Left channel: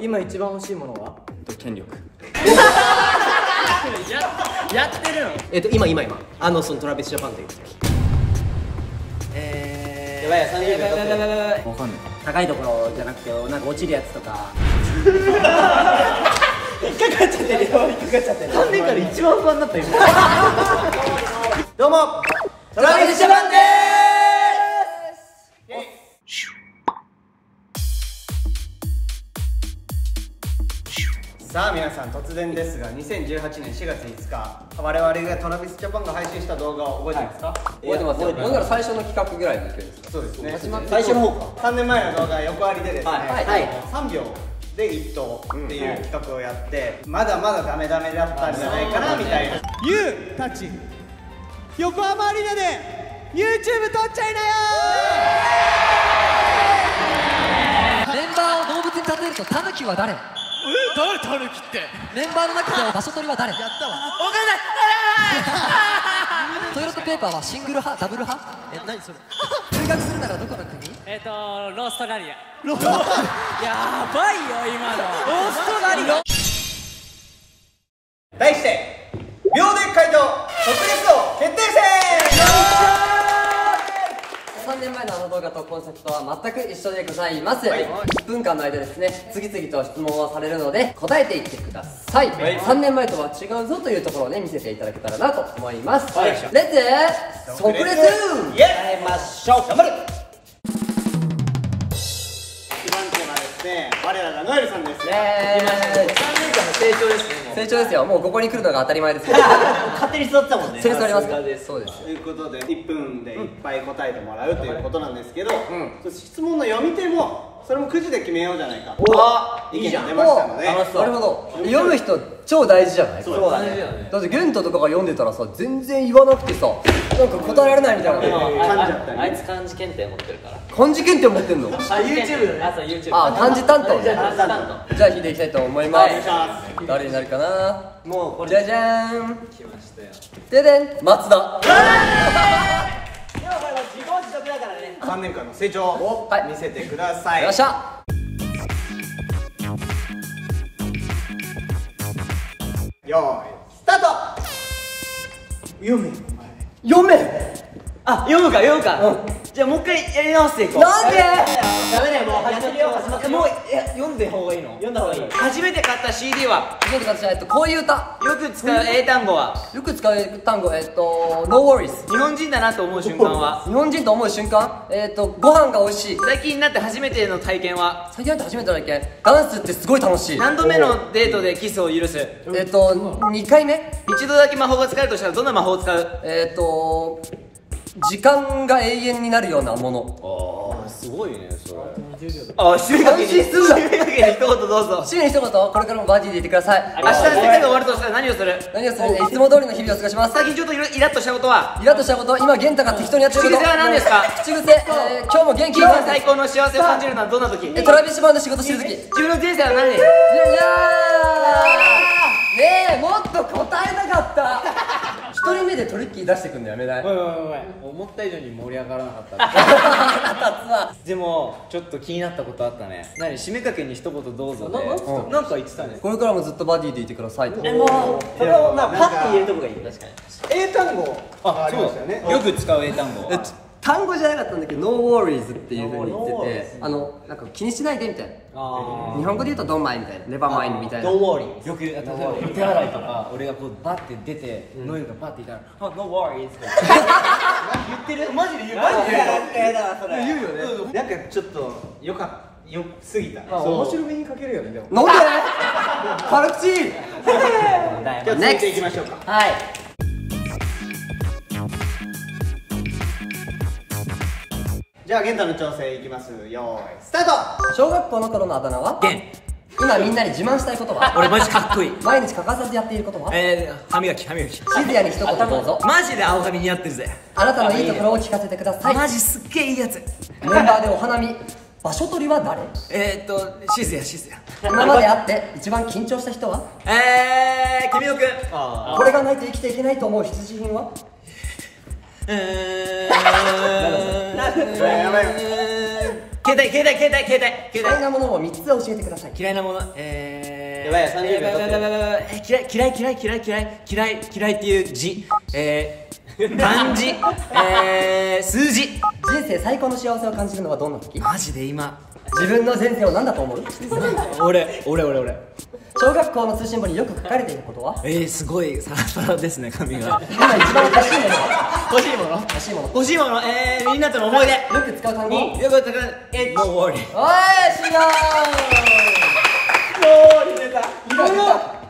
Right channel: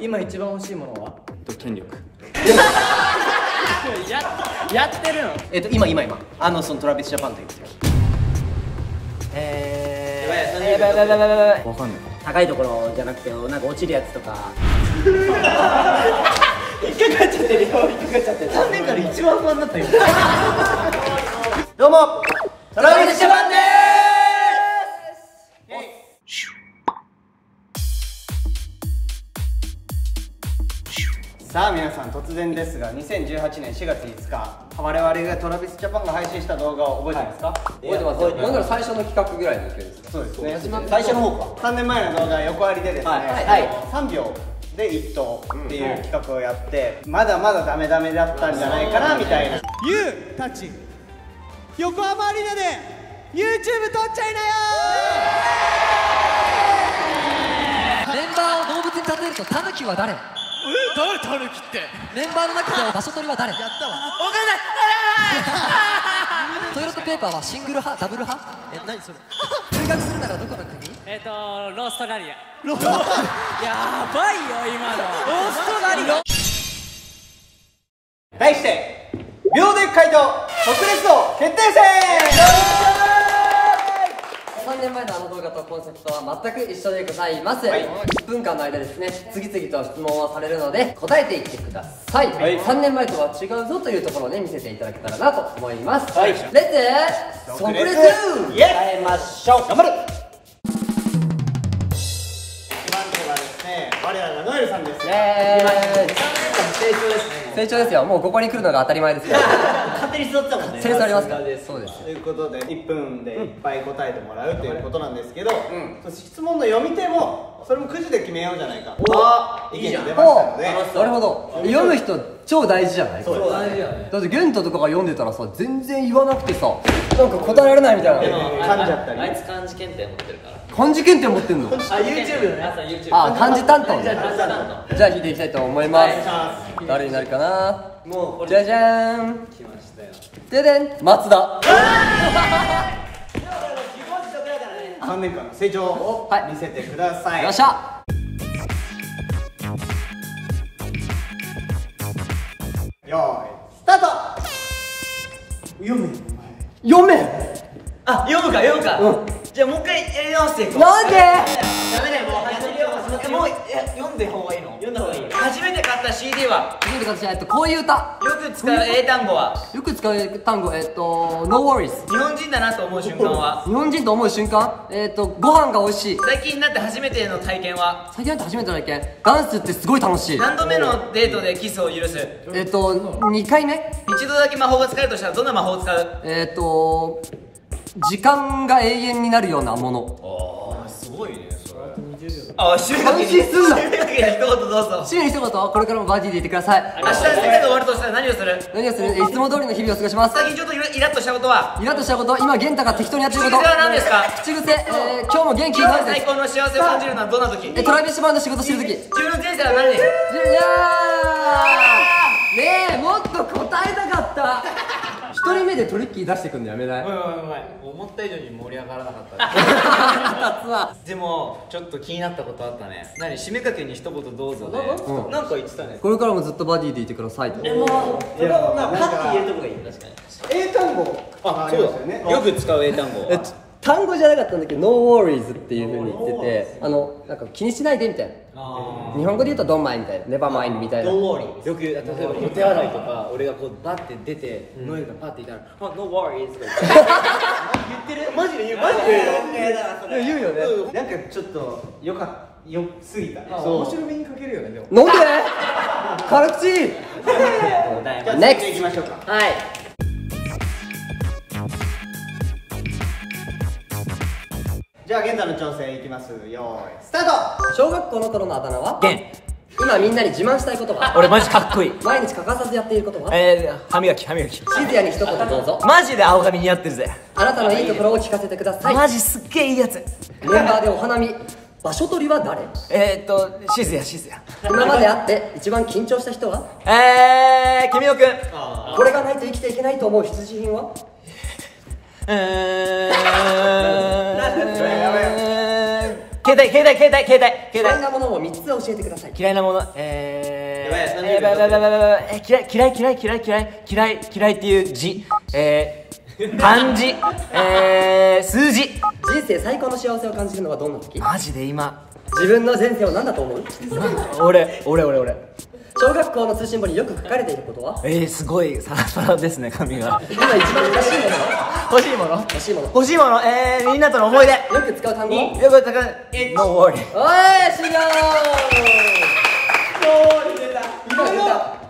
今一番欲しいものは？権力。やってるの？今そのトラビスジャパンという時。わかんない。高いところじゃなくてなんか落ちるやつとか。引っかかっちゃってるよ。3年から一番不安になったよ。どうもトラビスジャパンでーす。さあ皆さん、突然ですが2018年4月5日我々がトラビスジャパンが配信した動画を覚えてますか？覚えてますよ。なんなら最初の企画ぐらいの勢いですか？そうですね。最初の方か。3年前の動画横ありでですね、はい3秒で1投っていう企画をやって、まだまだダメダメだったんじゃないかなみたいな。ユウたち横浜アリーナで YouTube 撮っちゃいなよ。メンバーを動物に例えるとタヌキは誰？誰タヌキって？メンバーの中で場所取りは誰？やったわ。トイレットペーパーはシングル派ダブル派？何それ？留学するならどこの国？ローストラリア。やばいよ今の。ローストラリア。題して秒で回答即レスト決定戦。3年前のあの動画とコンセプトは全く一緒でございます。1分間の間ですね、次々と質問をされるので答えていってください。3年前とは違うぞというところをね見せていただけたらなと思います。レッツ即レス。イエーイ、ましょう。頑張る。一番手はですね、我らがノエルさんです。イエーイ。成長ですね。成長ですよ。もうここに来るのが当たり前ですよ。勝手に座ってたもんね。センスありますから。そうです。ということで1分でいっぱい答えてもらうということなんですけど、そして質問の読み手もそれもくじで決めようじゃないか。意見が出ましたので。なるほど。読む人超大事じゃない？そう大事だね。だってゲントとかが読んでたらさ、全然言わなくてさ、なんか答えられないみたいな。噛んじゃったり。あいつ漢字検定持ってるから。漢字検定持ってんの？YouTube ね。あ、漢字担当ね。じゃあ引いていきたいと思います。誰になるかな？もうこれじゃじゃーん。来ましたよ。ででん、松田。3年間の成長を見せてください。よっしゃ。よーいスタート。読め。読め。あ、読むか。じゃあもう一回やり直していこう。なんで？ダメだよ、もうもう読んで方がいいの。読んだ方がいい。初めて買った CD は？初めて買ったこういう歌。よく使う英単語は？よく使う単語、No worries。日本人だなと思う瞬間は？日本人と思う瞬間、ご飯が美味しい。最近になって初めての体験は？最近なんて初めての体験、ダンスってすごい楽しい。何度目のデートでキスを許す2回目。一度だけ魔法が使えるとしたらどんな魔法を使う？時間が永遠になるようなもの。すごいね、それ。あ、締めかけに安心すんな。締めかけに一言どうぞ。週に一言、これからもバディでいてください。明日世界が終わるとしたら何をする？何をする？いつも通りの日々を過ごします。最近ちょっとイラッとしたことは？イラッとしたこと、今玄太が適当にやってること。口癖は何ですか？口癖、今日も元気になるです。最高の幸せを感じるのはどんな時？トラビスバンド仕事してる時。自分の人生は何？いやーねえ、もっと答えたかった。一人目でトリッキー出してくんのやめない？思った以上に盛り上がらなかった腹立つわ。でもちょっと気になったことあったね。何、締めかけに一言どうぞでなんか言ってたね。これからもずっとバディでいてくださいと。それをパッて言えるとこがいい。確かに英単語ありますよね。よく使う英単語。単語じゃなかったんだけど、ノーウォーリーズっていう風に言ってて、なんか気にしないでみたいな。日本語で言うとドンマイみたいな、ネバマインみたいな。よく例えばお手洗いとか俺がこうバッて出てノエルがバッて言ったら「あ、ノーワーリーズ」言ってる。マジで言う。言うよね。なんかちょっとよすぎた。面白みにかけるよね。でもなんで？辛口。じゃあ続いていきましょうか。はい。じゃあ玄太の挑戦いきます。よーいスタート。小学校の頃のあだ名は？ゲン。今みんなに自慢したいことは？俺マジかっこいい。毎日欠かさずやっていることは？歯磨き。シズヤに一言どうぞ。マジで青髪似合ってるぜ。あなたのいいところを聞かせてください。マジすっげえいいやつ。メンバーでお花見、場所取りは誰？シズヤ。今まで会って一番緊張した人は？君野くん。これがないと生きていけないと思う必需品は？嫌いなものを3つ教えてください。嫌いなもの嫌いっていう字漢字数字。人生最高の幸せを感じるのはどんな時？マジで今自分の前世を何だと思う？俺小学校の通信簿によく書かれていることは？すごいサラサラですね髪が。今一番欲しいんですか？欲しいものみんなとの思い出。よく使う単語？よく使うNo worry。おい、違う。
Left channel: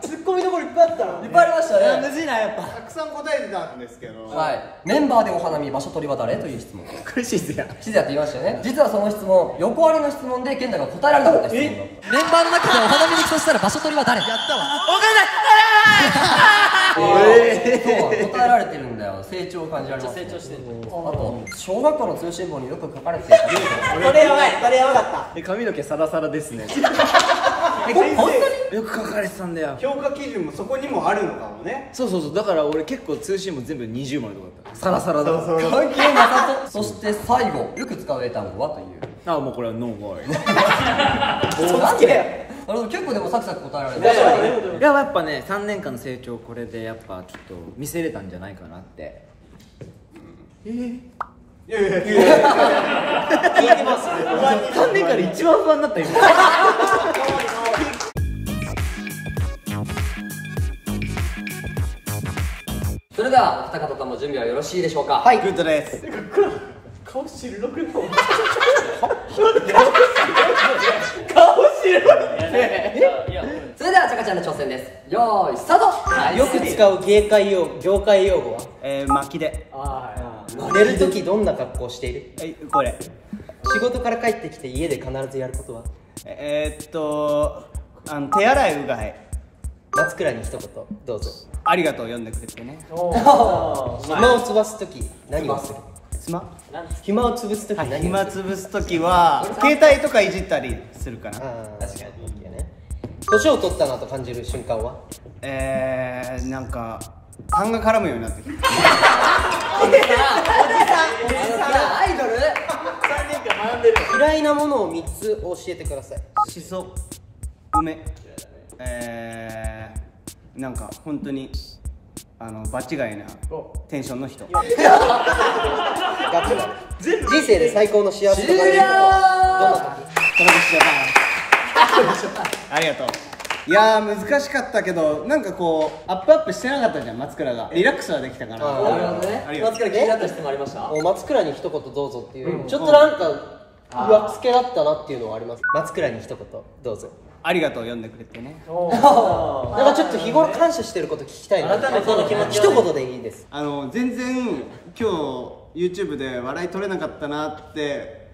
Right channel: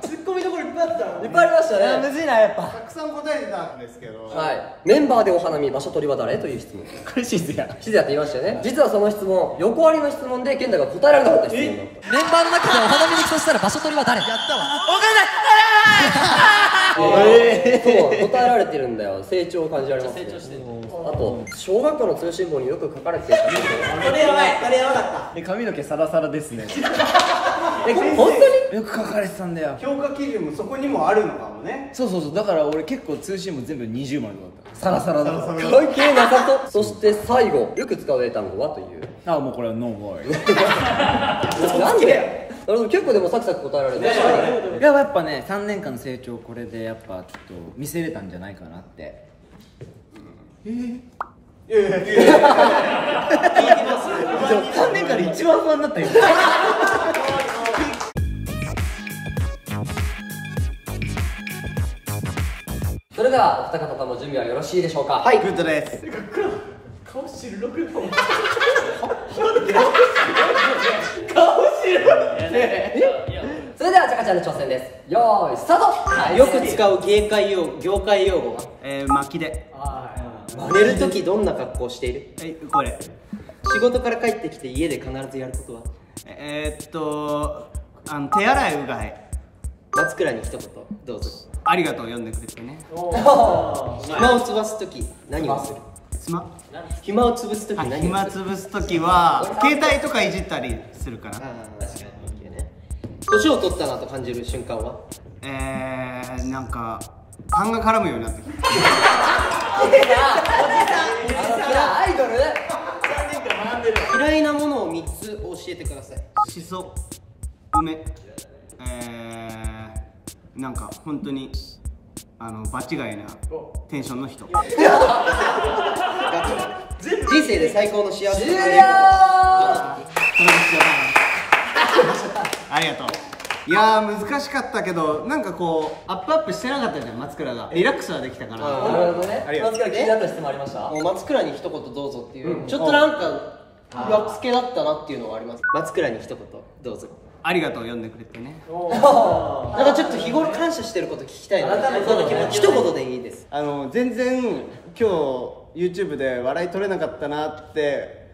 ツッコミどころいっぱいあったの。いっぱいありましたね。むずいなやっぱ。たくさん答えてたんですけど、はい。メンバーでお花見場所取りは誰という質問。これシズヤ。シズヤって言いましたよね。実はその質問、横ありの質問で健太が答えられなかった質問。メンバーの中でお花見に行くとしたら場所取りは誰？わかんそう、答えられてるんだよ。成長を感じられます、ね。成長してる。あと、小学校の通信簿によく書かれていた。それやばかった。髪の毛サラサラですね。本当に？よく書かれてたんだよ。評価基準もそこにもあるのかもね。そうだから俺結構通信も全部20枚とかだった。サラサラだから。関係なさそう。そして最後、よく使う英単語はという。もうこれはノーワーなんで？結構でもサクサク答えられてる。やっぱね3年間の成長これでやっぱちょっと見せれたんじゃないかなって。3年間で一番不安になったよ。それではお二方とも準備はよろしいでしょうか？はい、グッドです。それではちゃかちゃんの挑戦です。よーいスタート。よく使う業界用語は？巻きで。寝るときどんな格好をしている？これ。仕事から帰ってきて家で必ずやることは？手洗いうがい。松倉に一言どうぞ。ありがとう、読んでくれてね。暇を潰すとき何をする？暇を潰すとき何をする？暇潰すときは携帯とかいじったりするかな。確かにね。年を取ったなと感じる瞬間は？なんか痰が絡むようになってきた。アイドル。嫌いなものを3つ教えてください。しそ、梅、なんか本当に場違いなテンションの人。人生で最高の幸せと感じることはどんな時？ありがとう。いやー難しかったけど、なんかこうアップしてなかったじゃん、松倉が。リラックスはできたから。なるほどね。ありがとう。松倉気になった質問ありました？松倉に一言どうぞっていう、ちょっとなんか上つけだったなっていうのがあります。松倉に一言どうぞ。ありがとう、読んでくれてね。なんかちょっと日頃感謝してること聞きたいな。改めて一言でいいです。全然今日 YouTube で笑い取れなかったなって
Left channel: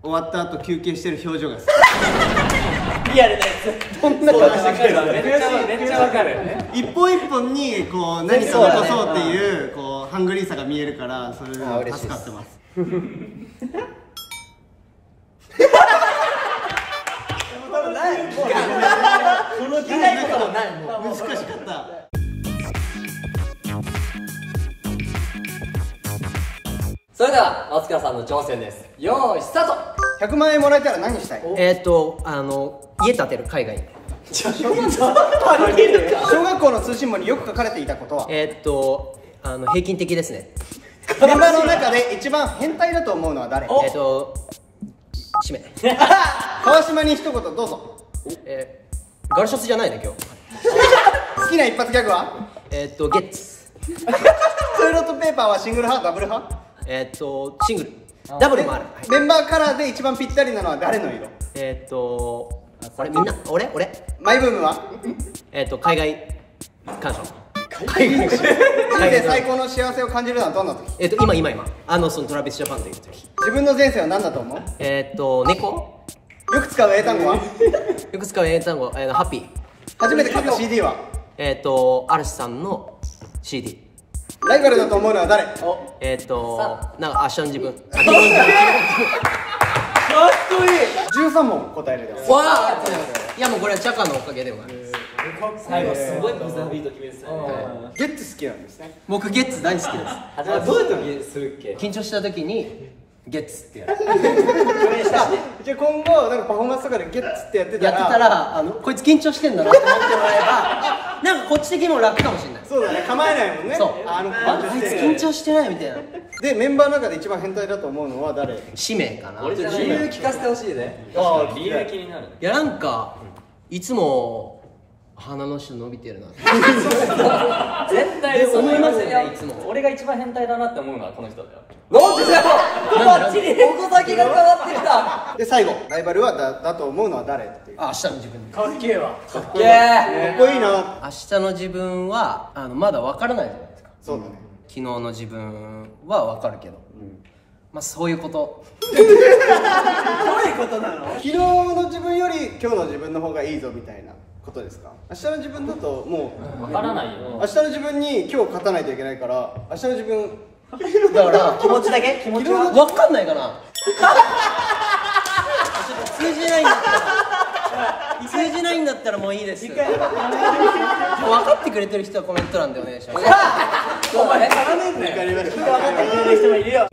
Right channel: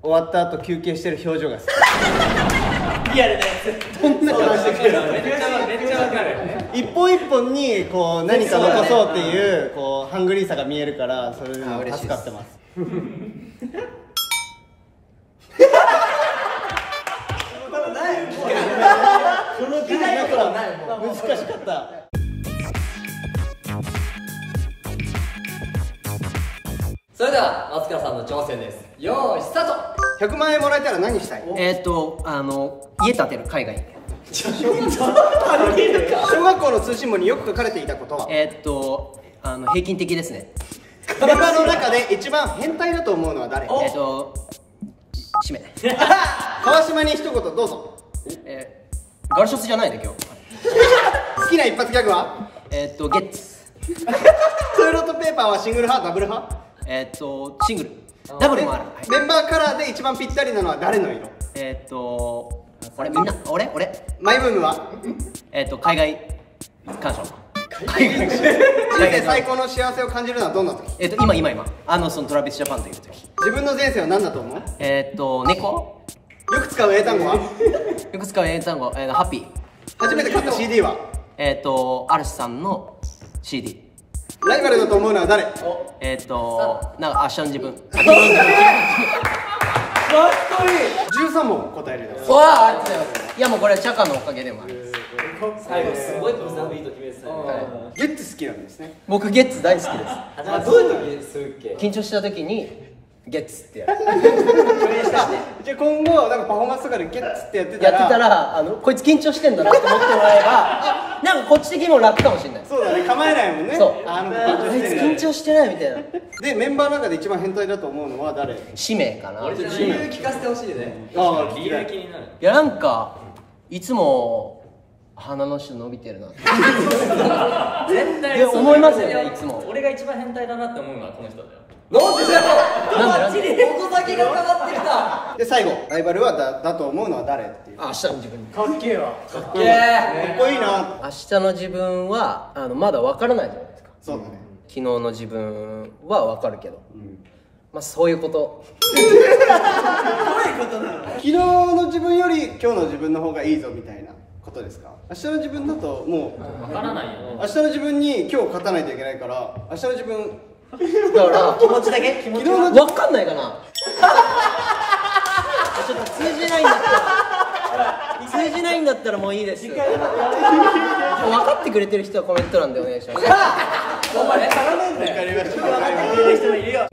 終わった後休憩してる表情が好き。リアルなやつ。どんな顔してくれるの？めっちゃわかる。一本一本にこう何か残そうっていうこうハングリーさが見えるから、それでも助かってます。難しかった。それでは松倉さんの挑戦です。よーいスタート。100万円もらえたら何したい？家建てる、海外に。小学校の通信簿によく書かれていたことは？平均的ですね。体の中で一番変態だと思うのは誰？締め。川島に一言どうぞ。ガルショスじゃないね今日。好きな一発ギャグは？ゲッツ。トイレットペーパーはシングル派ダブル派？シングル。ダブルもある。メンバーカラーで一番ぴったりなのは誰の色？みんな俺マイブームは？海外鑑賞。海外最高の幸せを感じるのはどんな時？今そのトラビスジャパンという時。自分の前世は何だと思う？猫。よく使う英単語は？よく使う英単語、ハッピー。初めて買った CD は？嵐さんの CD。ライバルだと思うのは誰？なんか明日の自分。かっこいい。13問答えるです。わあ、ありがとうございます。いやもうこれチャカのおかげでもある。最後すごいバザービート決めてた。ゲッツ好きなんですね。僕ゲッツ大好きです。どういう時するっけ？緊張した時にゲッツってやる今後なんかパフォーマンスとかでゲッツってやってたらこいつ緊張してんだなって思ってもらえばなんかこっち的にも楽かもしれない。そうだね、構えないもんね。そうあいつ緊張してないみたいな。でメンバーの中で一番変態だと思うのは誰？使命かな。理由聞かせてほしいね。ああ、理由気になる。いやなんかいつも鼻の下伸びてるなって絶対思いますよね。いつも俺が一番変態だなって思うのはこの人だよ。なんでここだけが変わってきた。で最後ライバルはだと思うのは誰っていう。明日の自分。かっけえわ。かっけえ。かっこいいな。明日の自分はまだ分からないじゃないですか。そうだね。昨日の自分は分かるけど、まあそういうこと。どういうことなの？昨日の自分より今日の自分の方がいいぞみたいなことですか？明日の自分だともうわからないよ。明日の自分に今日勝たないといけないから明日の自分だから気持ちだけ気持ちは分かんないかな。ちょっと通じないんだったらもういいです。分かってくれてる人はコメント欄でお願いします。お前絡めんなよ。分かってくれる人もいるよ。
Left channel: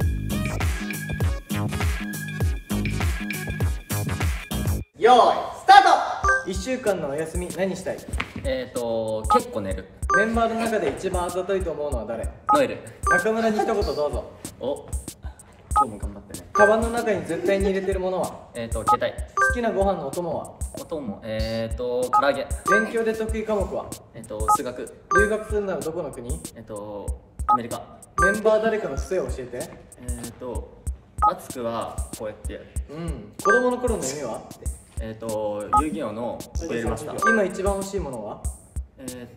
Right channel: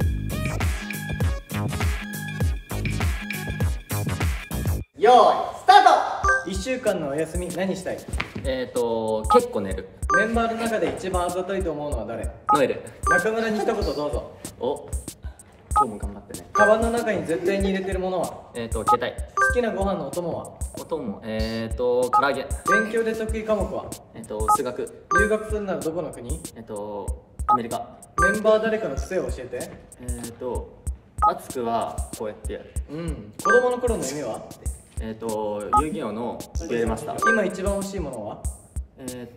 よーいスタート。 1週間のお休み何したい？結構寝る。メンバーの中で一番あざといと思うのは誰？ノエル。中村に一言どうぞ。お、今日も頑張ってね。カバンの中に絶対に入れてるものは？携帯。好きなご飯のお供は？お供、唐揚げ。勉強で得意科目は？数学。留学するならどこの国？アメリカ。メンバー誰かの癖を教えて。マツクはこうやってやる。子供の頃の夢は？遊戯王のデュエルマスター。今一番欲しいものは？権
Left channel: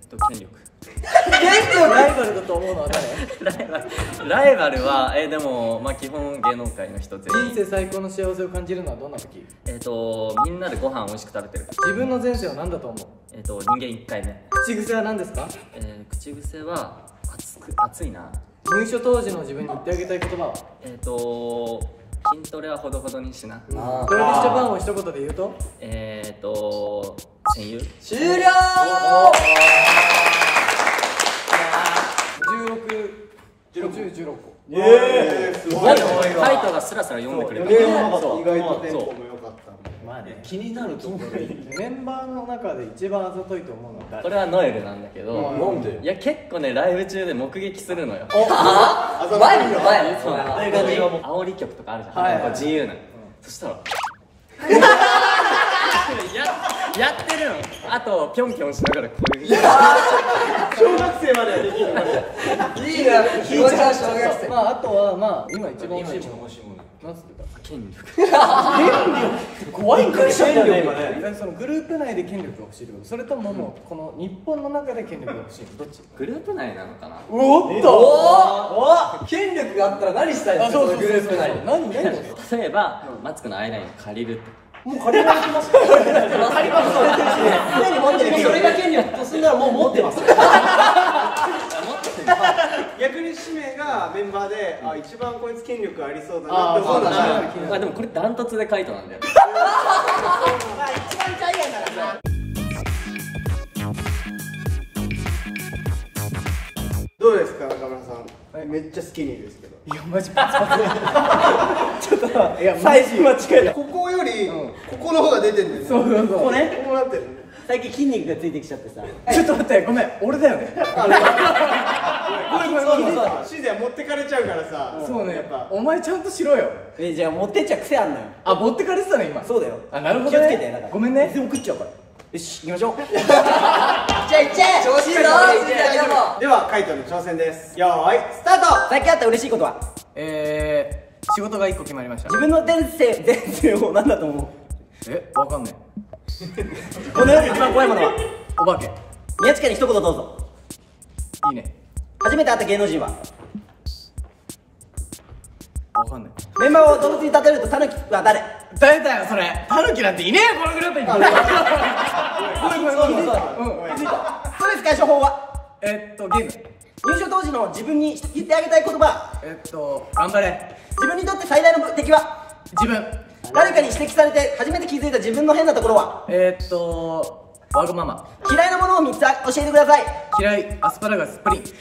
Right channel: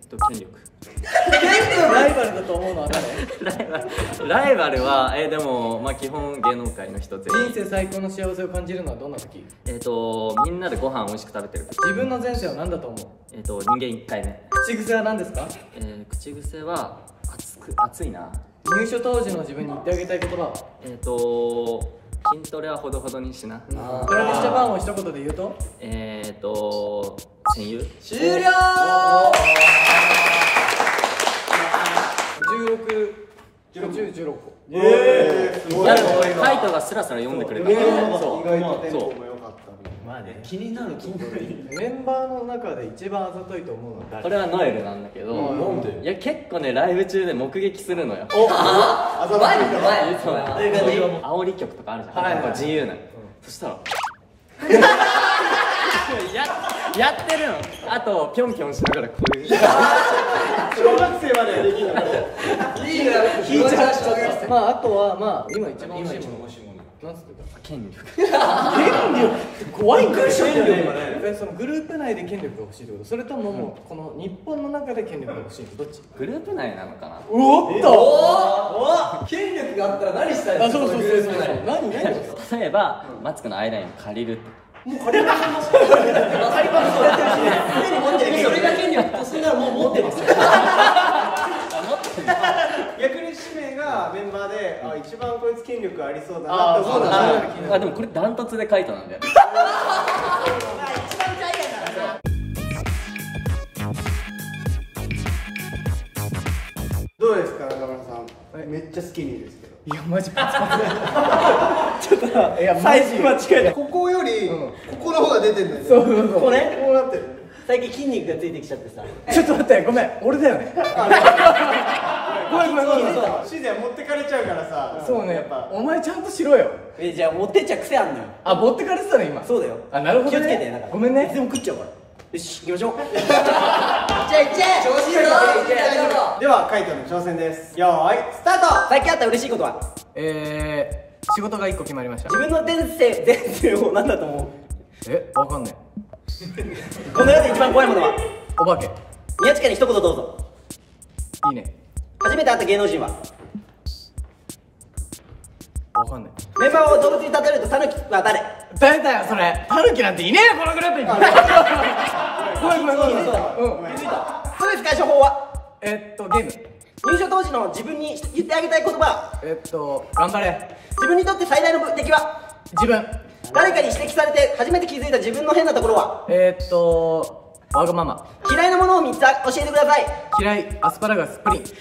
力。ライバルだと思うのは誰？ライバルはでもまあ基本芸能界の人全員。人生最高の幸せを感じるのはどんな時？みんなでご飯美味しく食べてる。自分の前世は何だと思う？人間1回目。口癖は何ですか？口癖は熱いな。入所当時の自分に言ってあげたい言葉は？筋トレはほどほどにしな。トラビスジャパンを一言で言うと？戦友。終了。16個。すごい。いやでもカイトがスラスラ読んでくれたから。意外とテンポも良かった。まあね。気になるところでいい。メンバーの中で一番あざといと思うのは誰？これはノエルなんだけど、なんで？いや結構ねライブ中で目撃するのよ。前の前。そう煽り曲とかあるじゃん。はいやっぱ自由なの。そしたらやってるの。あとピョンピョンしながらこういう。小学生までできるので。いいね、気持ちは小学生。まああとはまあ今一番欲しいもの。なんつってた？権力。怖いからしょだよね今ね。そのグループ内で権力が欲しいってこと？それとももうこの日本の中で権力が欲しいってどっち？グループ内なのかな。おっと。権力があったら何したいあ、ですか？そうそうそうそう。何？例えばマツコのアイライン借りるとか。借りましてますか？借りまくされてるし、常に持ってる。それが権力とすんならもう持ってます。逆に使命がメンバーで一番こいつ権力ありそうだなって思うのは。でもこれダントツでカイトなんだよ。一番大概なら。どうですか中村さん？めっちゃスキニーですけど。いやマジパチパチ。ちょっといやマジは近い。ここよりここの方が出てるんだよね。そうそうそう。こうなってる。最近筋肉がついてきちゃってさ。ちょっと待ってごめん俺だよね。ごめん。シーズン持ってかれちゃうからさ。そうねやっぱ。お前ちゃんとしろよ。じゃあ持ってっちゃう癖あんのよ。あ持ってかれてたの今。そうだよ。あなるほど気をつけてだから。ね。ごめんね。全部食っちゃうから。よし行きましょう。じゃあ行っちゃえ。調子いいよ。ではカイトの挑戦です。よーいスタート。最近あった嬉しいことは？仕事が1個決まりました。自分の前世を何だと思う？わかんない。この世で一番怖いものは？お化け。宮近に一言どうぞ。いいね。初めて会った芸能人は？わかんない。メンバーを動物に例えるとタヌキは誰？誰だよそれ。タヌキなんていねえよこのグループに。ごめん。ストレス解消法は？ゲーム。入所当時の自分に言ってあげたい言葉は？頑張れ。自分にとって最大の敵は？自分。誰かに指摘されて初めて気づいた自分の変なところは？わがまま。嫌いなものを3つ教えてください。嫌い。アスパラガス。プリン。人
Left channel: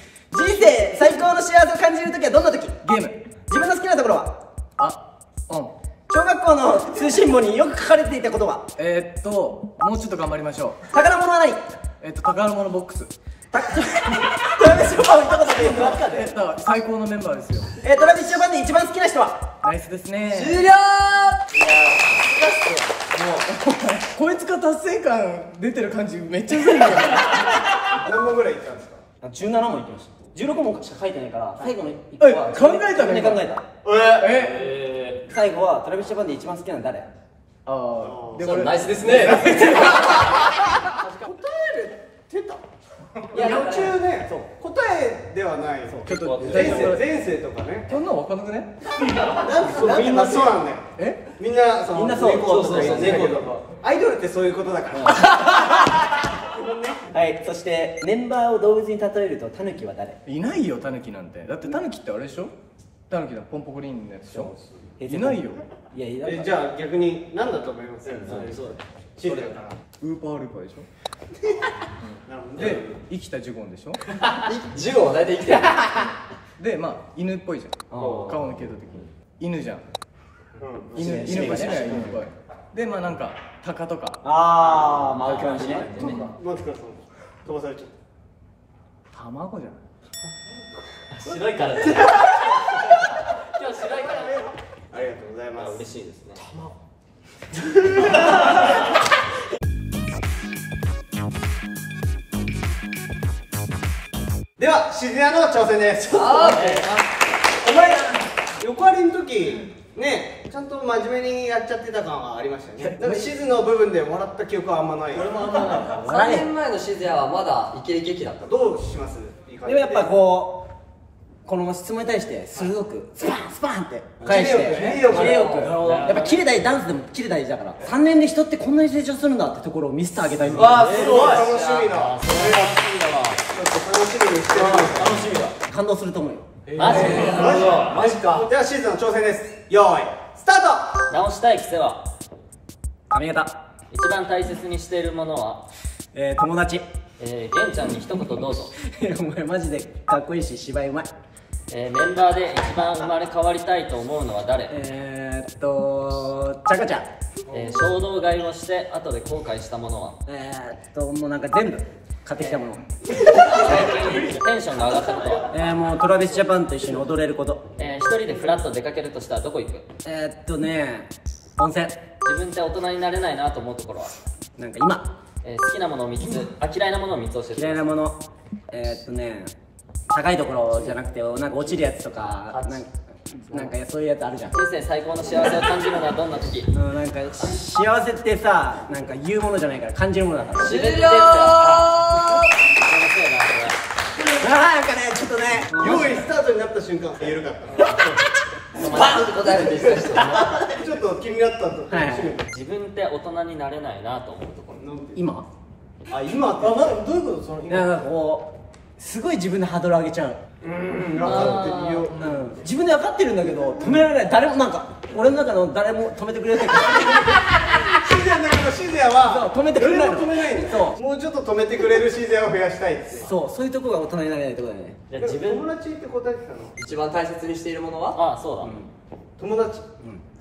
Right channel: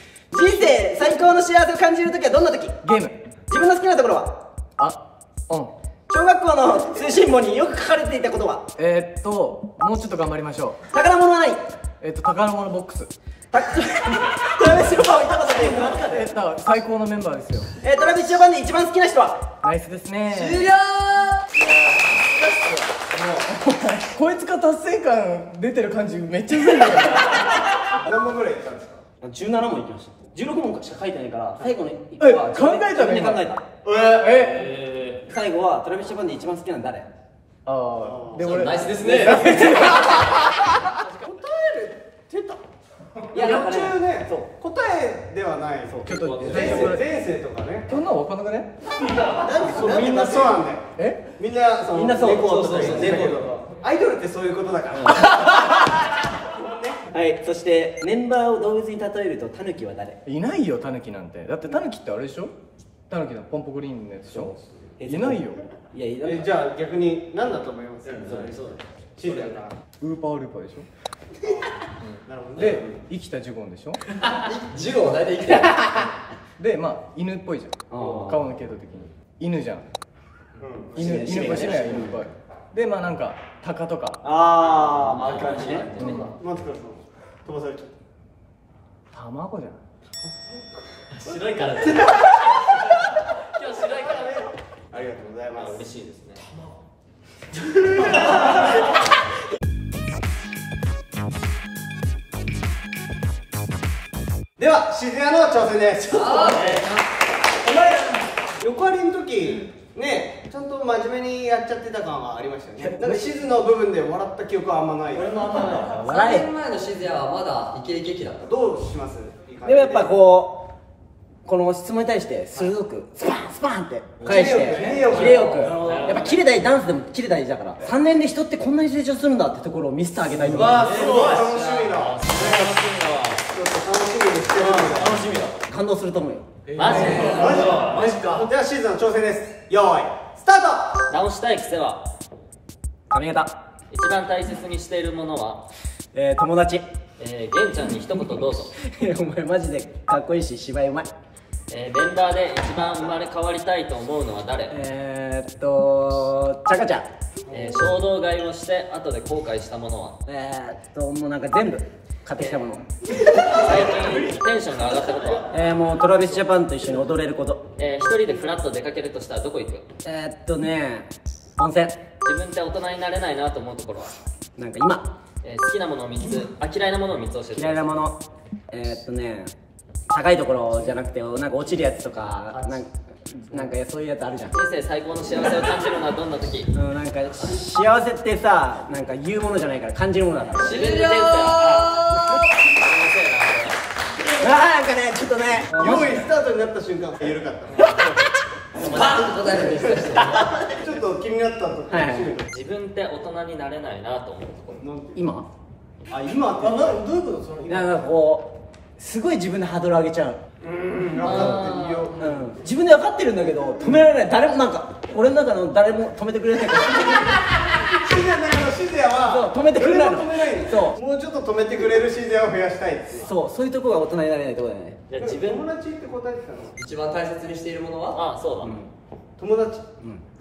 生最高の幸せを感じるときはどんなとき？ゲーム。自分の好きなところは？オン。小学校の通信簿によく書かれていた言葉。もうちょっと頑張りましょ宝物は何？う。宝物ボックス。トラビスジャパン行ったことない。最高のメンバーですよ。トラビスジャパンで一番好きな人は？ナイスですね。終了。こいつが達成感出てる感じめっちゃうざいんだけど。何問ぐらいいったんですか17問いきました。16問しか書いてないから最後の1個は考えたの自分で考えた。最後はトラビスジャパンで一番好きなの誰？で俺ナイスですね。いや途中ね答えではないちょっと最初から前世とかねそんなの分かんなくね？みんなそうなんだよえ？みんなそのみんなそうレコードとかそう言ってたけどアイドルってそういうことだからはい、そしてメンバーを動物に例えるとタヌキは誰？いないよタヌキなんて。だってタヌキってあれでしょ？タヌキのポンポグリーンのやつでしょ？いないよ。いやいや、じゃあ逆に何だと思います？シリアからウーパールーパーでしょ？なるほどで生きたジュゴンでしょ？ジュゴンは大体生きてる。でまあ犬っぽいじゃん。顔の系統的に犬じゃん。犬っぽいしね犬っぽい。でまあなんかタカとかああ、負けましたね。マツコさん飛ばされちゃっ卵じゃん。白いからね。今日白いからね。たありがとうございます嬉しいですね。では静谷の挑戦です。お前横割りの時ねちゃんと真面目にやっちゃってた感はありましたね。なんか静の部分で笑った記憶はあんまない。俺もあんまない。3年前の静谷はまだイケイケ期だった。どうします？でもやっぱこの質問に対して鋭くスパンスパンって返してキレよくキレよくやっぱキレ大事、ダンスでもキレ大事だから3年で人ってこんなに成長するんだってところを見せてあげたいと思います。すごい楽しみだ。ちょっと楽しみにしてる。楽しみだ。感動すると思うよ。マジで。マジか。ではシーズンの挑戦です。よーいスタート。直したい癖は髪型、一番大切にしているものは、友達。玄ちゃんに一言どうぞ。お前マジでかっこいいし芝居うまい。メンバーで一番生まれ変わりたいと思うのは誰？チャカちゃん。衝動買いをして後で後悔したものは？もうなんか全部買ってきたもの。最近テンションが上がったことは？もうトラビスジャパンと一緒に踊れること。一人でフラッと出かけるとしたらどこ行く？温泉。自分って大人になれないなと思うところは？なんか今好きなものを3つ、嫌いなものを3つ教えて。嫌いなもの、高いところじゃなくてなんか落ちるやつとかなんかそういうやつあるじゃん。人生最高の幸せを感じるのはどんな時？なんか幸せってさ、なんか言うものじゃないから感じるものだから。自分で出るさ。なんかねちょっとね用意スタートになった瞬間言えるかった。ちょっと気になったと。自分って大人になれないなと思うところ。今あ今ってどういうことその今？なんかこうすごい自分でハードル上げちゃう。分かってみよう。自分で分かってるんだけど止められない。誰もなんか俺の中の誰も止めてくれないからシゼアだけどシゼアはそう止めてくれないの。止めないの。そうもうちょっと止めてくれるシゼアを増やしたいって。そういうとこが大人になれないってことだよね。じゃあ自分、友達って答えてたの？一番大切にしているものは？あ、そうだ。友達。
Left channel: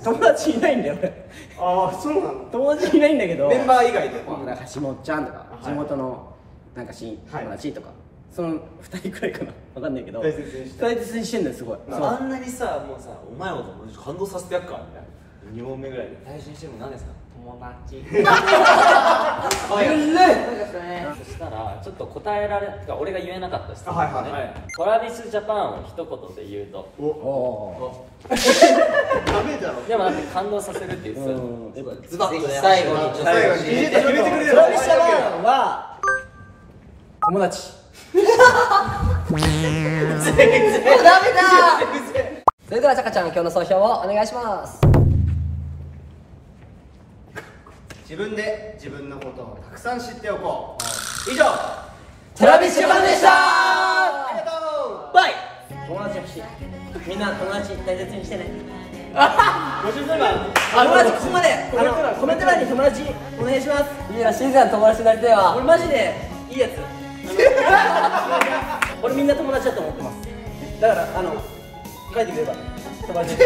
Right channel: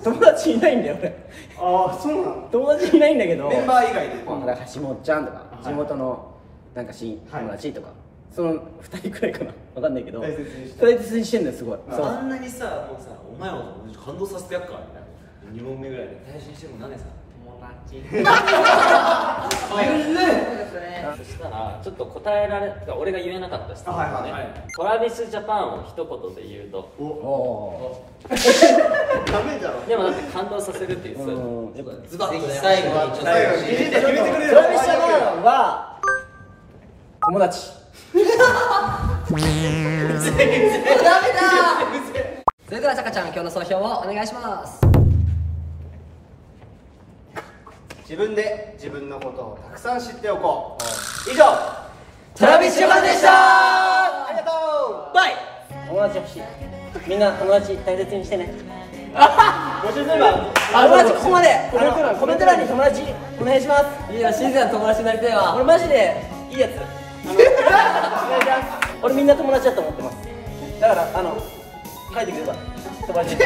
友達いないんだよ俺。ああそうなの。友達いないんだけどメンバー以外で。だから橋本ちゃんとか地元のなんか友達とかその2人くらいかな分かんないけど大切にして大切にしてんだよすごい。そうあんなにさ、もうさ、お前を感動させてやっからみたいな2問目ぐらいで大事にしてるの何ですか？友達そしたら、ちょっと答えられ、俺が言えなかった質問はいはいはい。トラビスジャパンを一言で言うと。ダメだろ。でもなんか感動させるっていうさ、ズバッとね、最後にちょっと最後に決めてくれる。トラビスジャパンは友達。それではちゃかちゃん今日の総評をお願いします。自分で自分のことをたくさん知っておこう。以上トラビスジャパンでした。ありがとう。バイ。友達欲しい。みんな友達大切にしてね。友達ここまでコメント欄に友達お願いします。いや、静谷の友達になりたいわ。俺マジでいいやつ。俺みんな友達だと思ってます。だから書いてくれば友達。